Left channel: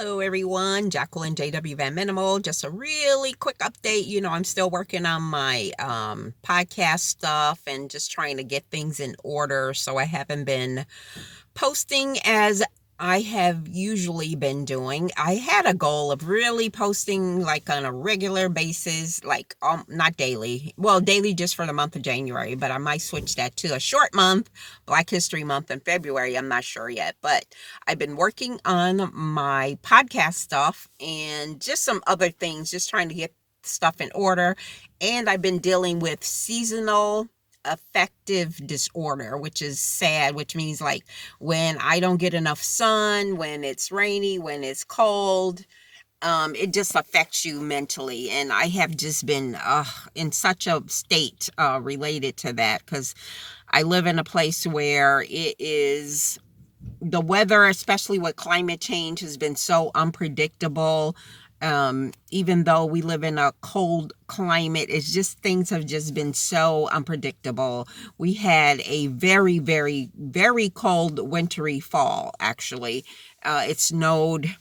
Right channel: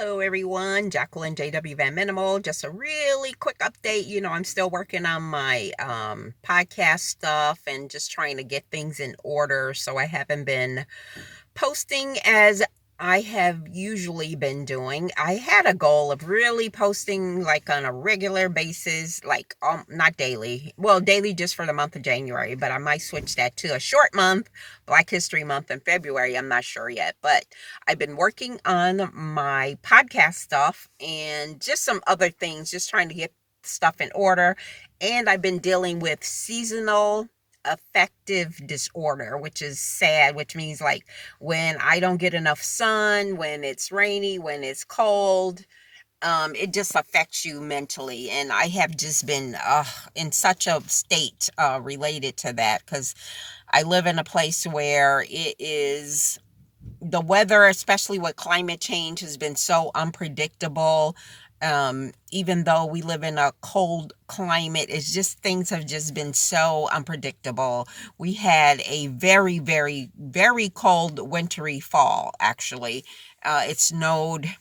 Hello, everyone. Jacqueline JW Van Minimal. Just a really quick update. I'm still working on my podcast stuff and just trying to get things in order. So I haven't been posting as I have usually been doing. I had a goal of really posting like on a regular basis, like not daily. Well, daily just for the month of January, but I might switch that to a short month, Black History Month in February. I'm not sure yet, but I've been working on my podcast stuff and just some other things, just trying to get stuff in order. And I've been dealing with seasonal affective disorder, which is sad, which means like when I don't get enough sun, when it's rainy, when it's cold, it just affects you mentally. And I have just been in such a state related to that because I live in a place where it is the weather, especially with climate change, has been so unpredictable. Even though we live in a cold climate, it's just things have just been so unpredictable. We had a very, very, very cold wintry fall, actually. It snowed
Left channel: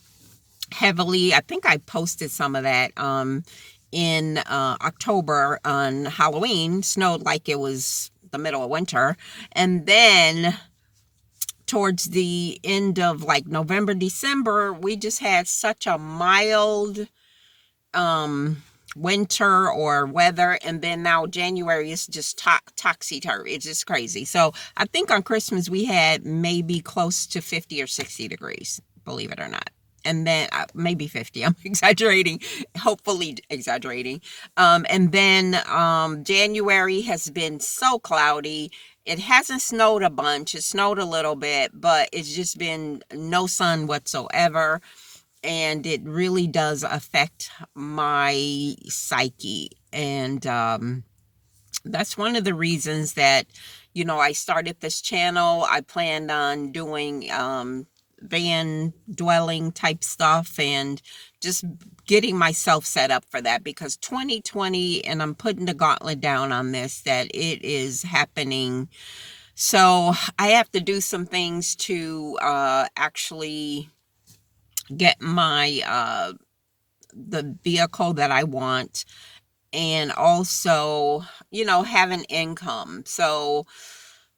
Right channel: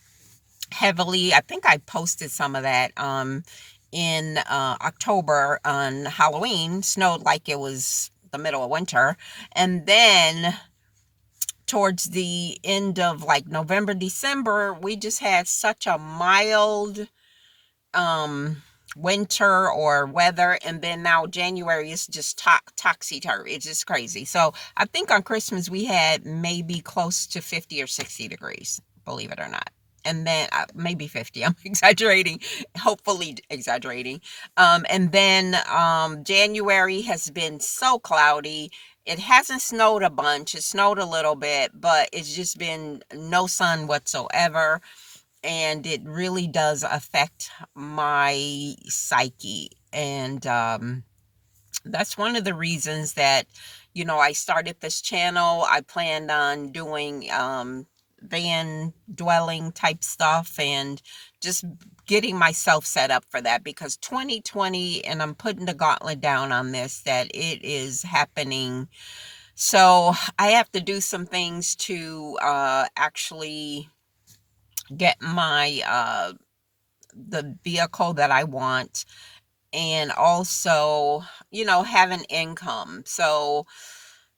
heavily. I think I posted some of that in October on Halloween. Snowed like it was the middle of winter. And then towards the end of like November, December, we just had such a mild winter or weather, and then now January is just topsy-turvy. It's just crazy. So I think on Christmas we had maybe close to 50 or 60 degrees, believe it or not. And then maybe 50, I'm exaggerating, hopefully exaggerating. And then January has been so cloudy. It hasn't snowed a bunch. It snowed a little bit, but it's just been no sun whatsoever. And it really does affect my psyche. And that's one of the reasons that, I started this channel. I planned on doing van dwelling type stuff and just getting myself set up for that, because 2020, and I'm putting the gauntlet down on this, that it is happening. So I have to do some things to actually get my the vehicle that I want, and also have an income. So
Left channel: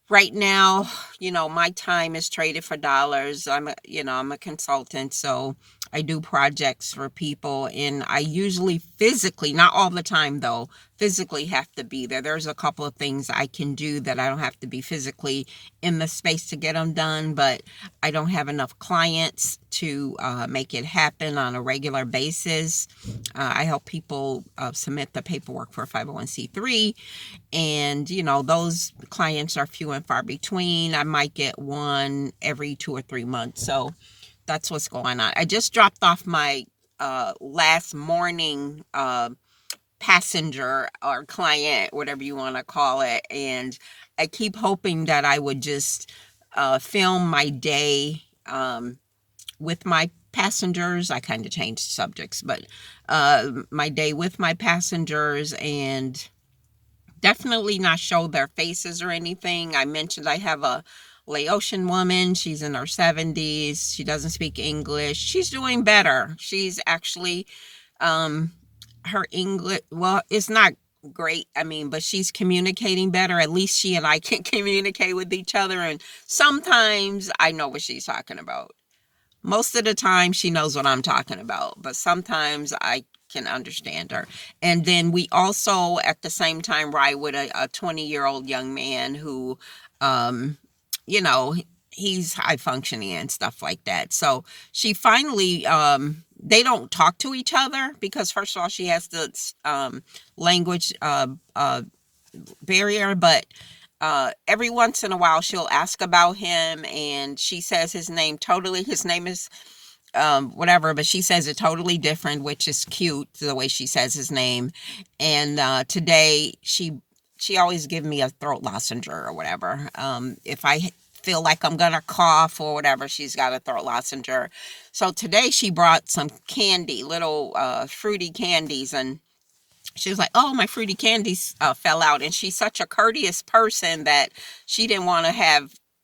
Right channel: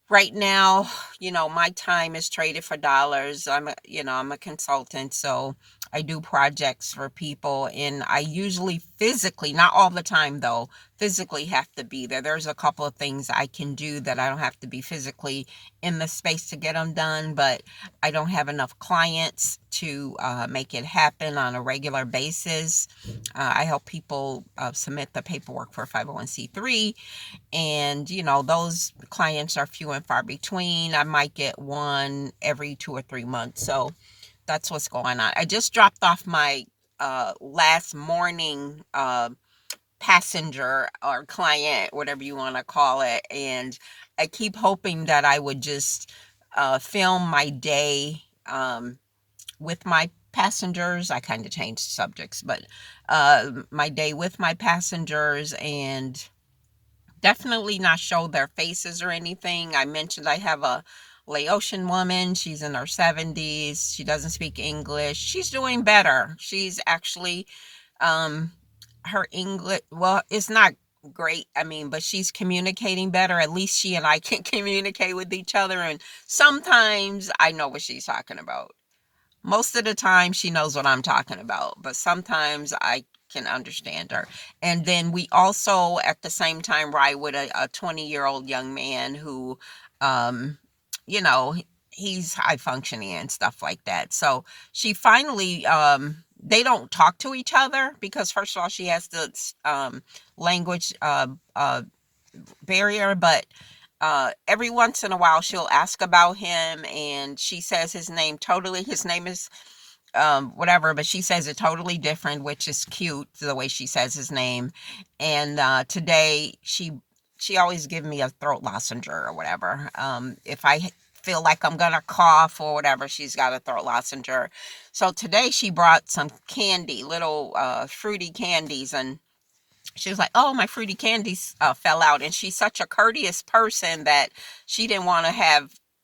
right now, my time is traded for dollars. I'm a consultant, so I do projects for people, and I usually physically, not all the time though, physically have to be there. There's a couple of things I can do that I don't have to be physically in the space to get them done, but I don't have enough clients to make it happen on a regular basis. I help people submit the paperwork for 501c3, and those clients are few and far between. I might get one every 2 or 3 months. So that's what's going on. I just dropped off my last morning passenger or client, whatever you want to call it, and I keep hoping that I would just film my day with my passengers. I kind of changed subjects, but my day with my passengers, and definitely not show their faces or anything. I mentioned I have a Laotian woman. She's in her 70s. She doesn't speak English. She's doing better. She's actually, her English, well, it's not great. I mean, but she's communicating better. At least she and I can communicate with each other. And sometimes I know what she's talking about. Most of the time she knows what I'm talking about, but sometimes I can understand her. And then we also at the same time ride with a 20-year-old young man who, um, you know, he's high functioning and stuff like that. So she finally, they don't talk to each other because first of all, she has the language barrier, but every once in a while she'll ask about him, and she says his name is whatever, but she says it totally different, which is cute, the way she says his name. And today she always give me a throat lozenge or whatever. If I feel like I'm gonna cough or whatever, she's got a throat lozenge. So today she brought some candy, little fruity candies, and she was like, "Oh, my fruity candies fell out." And she's such a courteous person that she didn't want to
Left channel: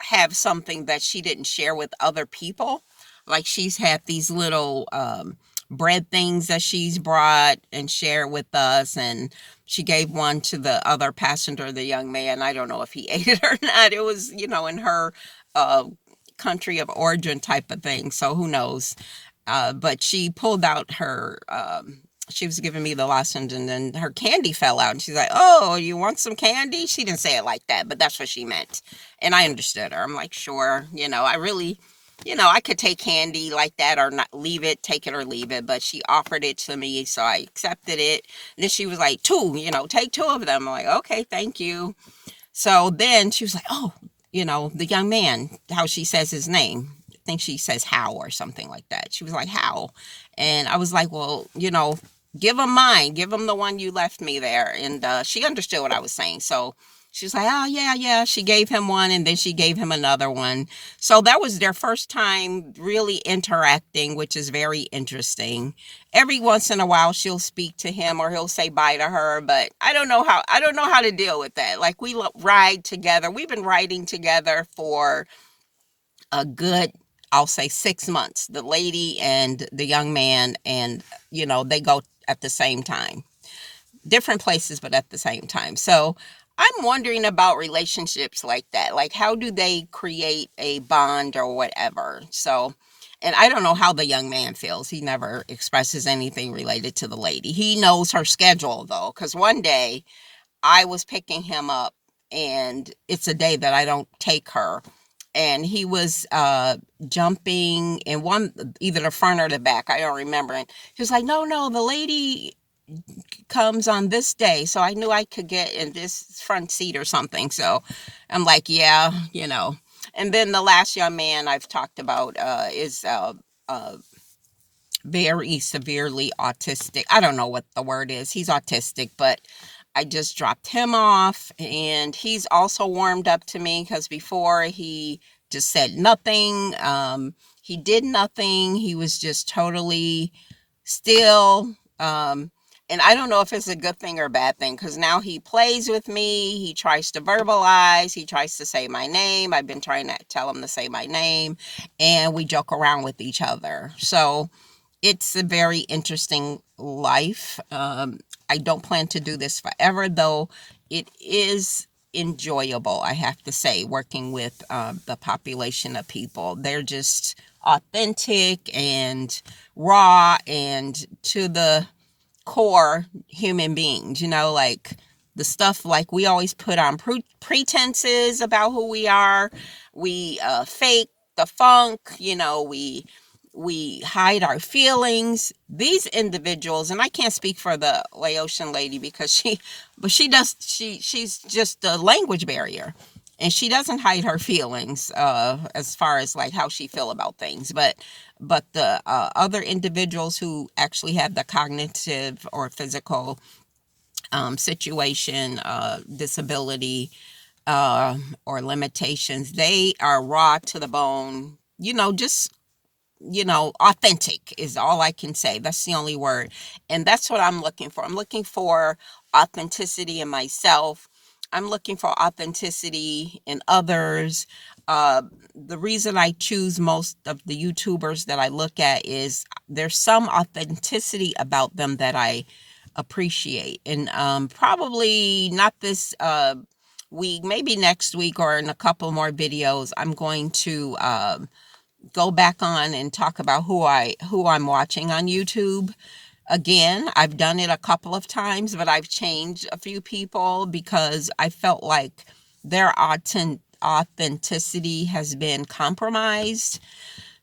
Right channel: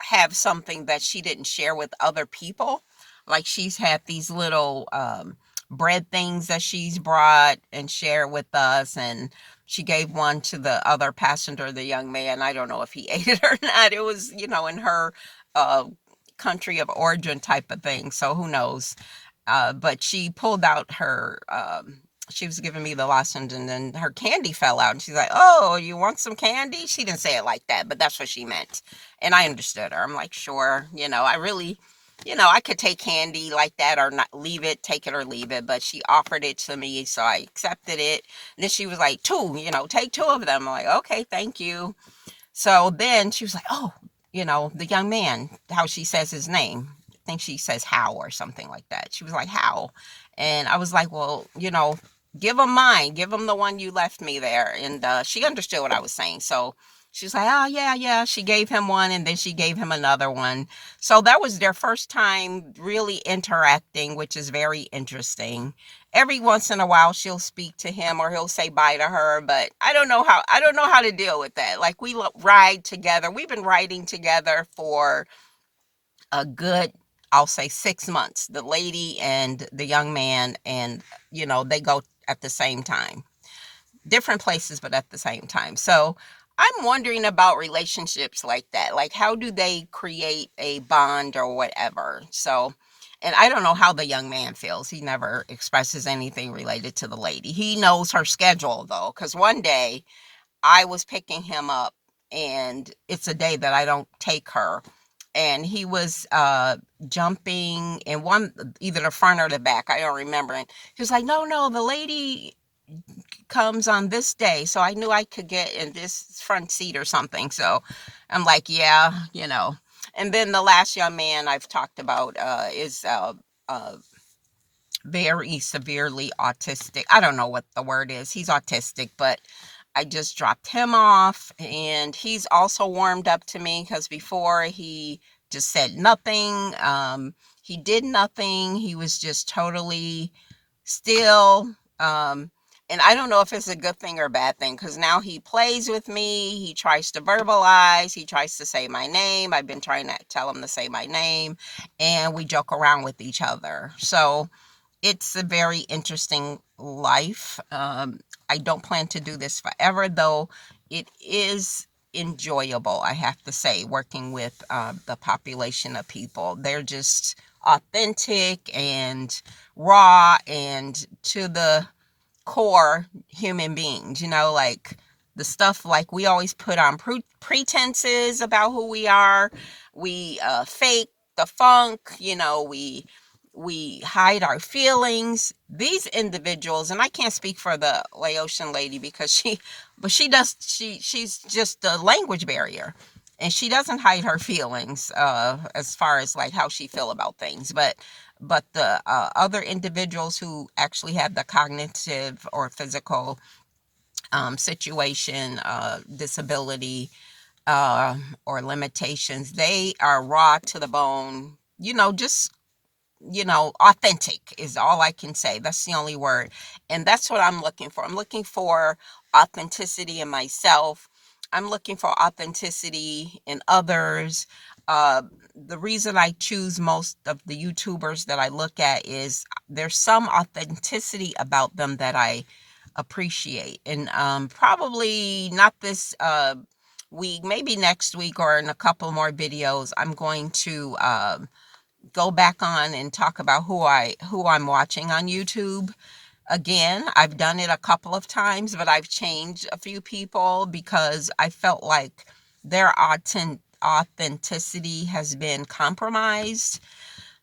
have something that she didn't share with other people. Like she's had these little bread things that she's brought and shared with us, and she gave one to the other passenger, the young man. I don't know if he ate it or not. It was, in her uh, country of origin type of thing. So who knows? But she pulled out her, she was giving me the lozenge, and then her candy fell out. And she's like, "Oh, you want some candy?" She didn't say it like that, but that's what she meant. And I understood her. I'm like, sure. I really, I could take candy like that or not, leave it, take it or leave it. But she offered it to me, so I accepted it. And then she was like, two, take two of them. I'm like, okay, thank you. So then she was like, "Oh, the young man, how she says his name. I think she says How or something like that." She was like, "How?" And I was like, "Well, give him mine. Give him the one you left me there." And she understood what I was saying. So she was like, "Oh, yeah, yeah." She gave him one, and then she gave him another one. So that was their first time really interacting, which is very interesting. Every once in a while she'll speak to him or he'll say bye to her, but I don't know how to deal with that. Like, we ride together. We've been riding together for a good, I'll say, 6 months, the lady and the young man. And they go at the same time, different places, but at the same time. So I'm wondering about relationships like that. Like, how do they create a bond or whatever? So, and I don't know how the young man feels. He never expresses anything related to the lady. He knows her schedule, though, because one day I was picking him up, and it's a day that I don't take her. And he was jumping in either the front or the back. I don't remember. And he was like, "No, no, the lady comes on this day." So I knew I could get in this front seat or something. So I'm like, yeah, And then the last young man I've talked about is uh, very severely autistic. I don't know what the word is. He's autistic, but I just dropped him off, and he's also warmed up to me because before he just said nothing. He did nothing. He was just totally still. And I don't know if it's a good thing or a bad thing, because now he plays with me. He tries to verbalize. He tries to say my name. I've been trying to tell him to say my name, and we joke around with each other. So it's a very interesting life. I don't plan to do this forever, though it is enjoyable, I have to say, working with the population of people. They're just authentic and raw and to the core human beings, like the stuff, like we always put on pretenses about who we are. We fake the funk, we hide our feelings. These individuals, and I can't speak for the Laotian lady because she's just a language barrier, and she doesn't hide her feelings as far as like how she feel about things. But the other individuals who actually have the cognitive or physical situation, disability, or limitations, they are raw to the bone, just authentic is all I can say. That's the only word. And that's what I'm looking for. I'm looking for authenticity in myself. I'm looking for authenticity in others. The reason I choose most of the YouTubers that I look at is there's some authenticity about them that I appreciate. And probably not this week, maybe next week or in a couple more videos, I'm going to go back on and talk about who I'm watching on YouTube. Again, I've done it a couple of times, but I've changed a few people because I felt like their authenticity has been compromised.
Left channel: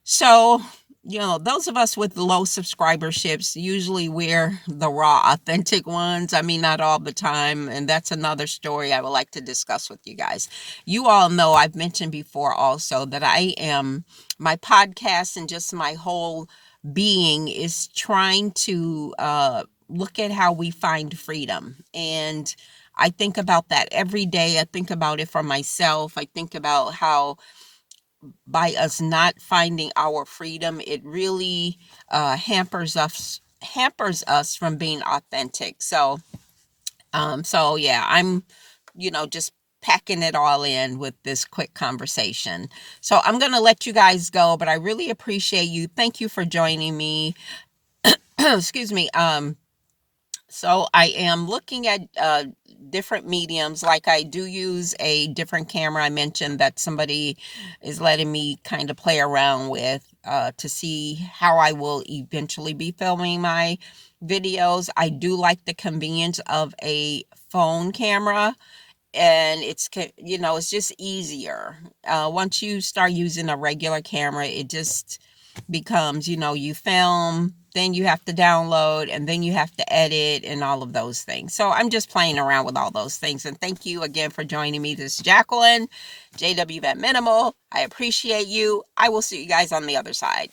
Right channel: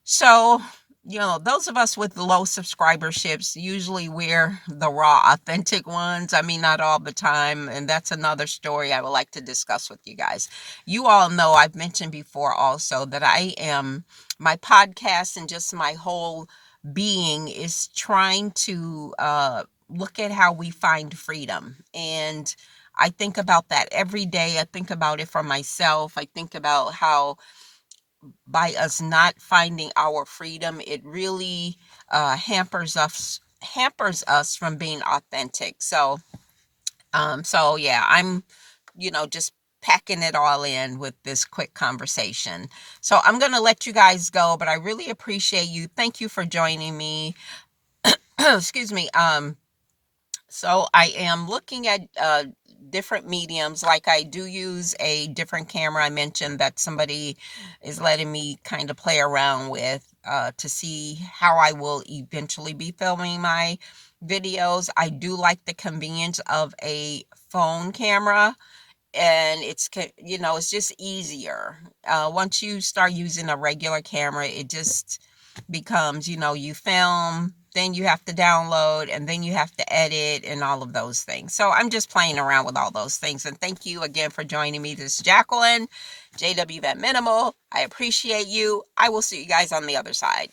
So, those of us with low subscriberships, usually we're the raw, authentic ones. I mean, not all the time. And that's another story I would like to discuss with you guys. You all know I've mentioned before also that my podcast and just my whole being is trying to look at how we find freedom. And I think about that every day. I think about it for myself. I think about how by us not finding our freedom, it really hampers us from being authentic. So yeah, I'm just packing it all in with this quick conversation. So I'm going to let you guys go, but I really appreciate you. Thank you for joining me. Excuse me. So I am looking at different mediums. Like, I do use a different camera. I mentioned that somebody is letting me kind of play around with to see how I will eventually be filming my videos. I do like the convenience of a phone camera, and it's just easier. Once you start using a regular camera, it just becomes, you film, then you have to download, and then you have to edit and all of those things. So I'm just playing around with all those things. And thank you again for joining me. This is Jacqueline, JW Vet Minimal. I appreciate you. I will see you guys on the other side.